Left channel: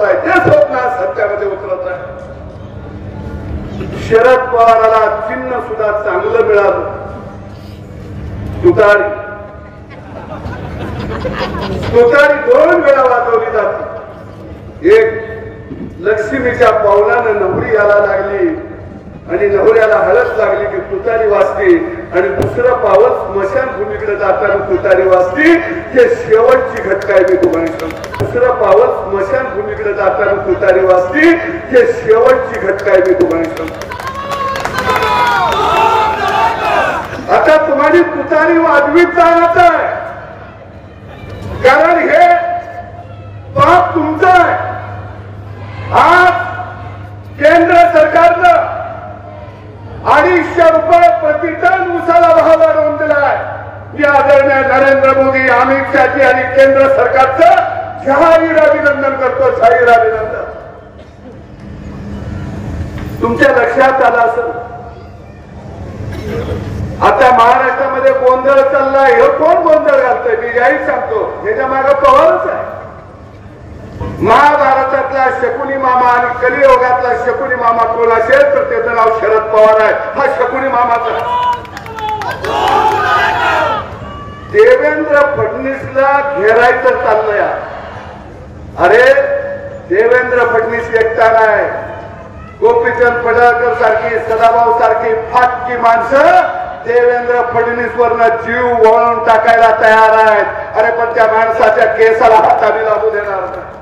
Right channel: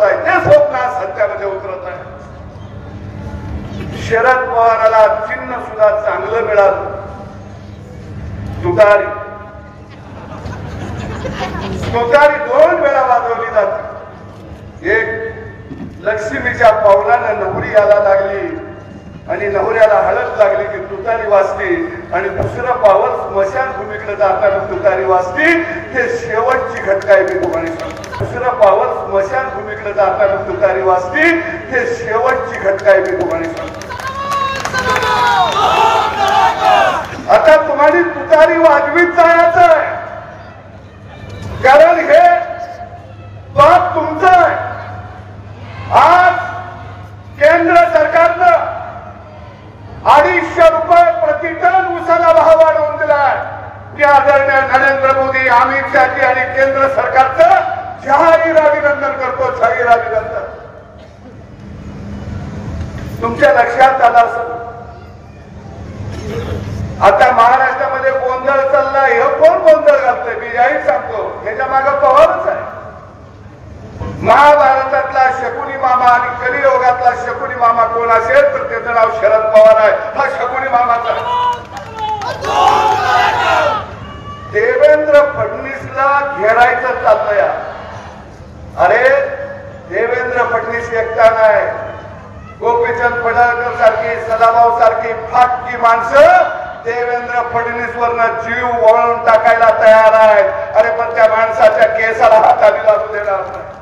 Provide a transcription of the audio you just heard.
ते स्वप्न सत्यामध्ये उतरत आहे। शरद पवाराला चिन्ह सुद्धा चांगलं मिळालं, तुतारी। तुतारी 2 वेळा वाजवली जाते। एक लक्ष्मीच्या पावलानं नवरी यायला लागली आणि नवऱ्याला हळद लागली की तुतारी वाजते, आणि दुसरं पावल स्मशानभूमीकडे जाताना तुतारी वाजते। हे शेवटची घटना आहे, मी तुम्हाला सांगतो। दुसरं पावल स्मशानभूमीकडे जाताना तुतारी वाजते। हे शेवटची घटना आहे, मी तुम्हाला सांगतो। आता तुम्हाला तुतारी वाजवीत जायचं आहे, कारण हे बाप तुमचं आहे। आज केंद्र सरकारनं 250 रुपये प्रति टन ऊसाला भाव वाढवून दिलाय। मी आदरणीय नरेंद्र मोदी, अमित शहाजी आणि केंद्र सरकारचं जाहीर अभिनंदन करतो, जाहीर अभिनंदन। तुमच्या लक्षात आलं असेल, आता महाराष्ट्रामध्ये गोंधळ चाललाय। हे कोण गोंधळ घालतोय? मी जाहीर सांगतो, ह्याच्या मागे पवारच आहे। महाभारतातला शकुनी मामा आणि कलियुगातला शकुनी मामा कोण असेल तर त्याचं नाव शरद पवार आहे। हा शकुनी मामाचा देवेंद्र फडणवीसला घेरायचं चाललंय। अरे देवेंद्र फडणवीस एकटा नाही, गोपीचंद पडळकर सारखी, सदाभाऊ सारखी फाटकी माणसं देवेंद्र फडणवीस वरनं जीव वळून टाकायला तयार आहेत। अरे पण त्या माणसाच्या केसाला हात आम्ही लागू देणार नाही।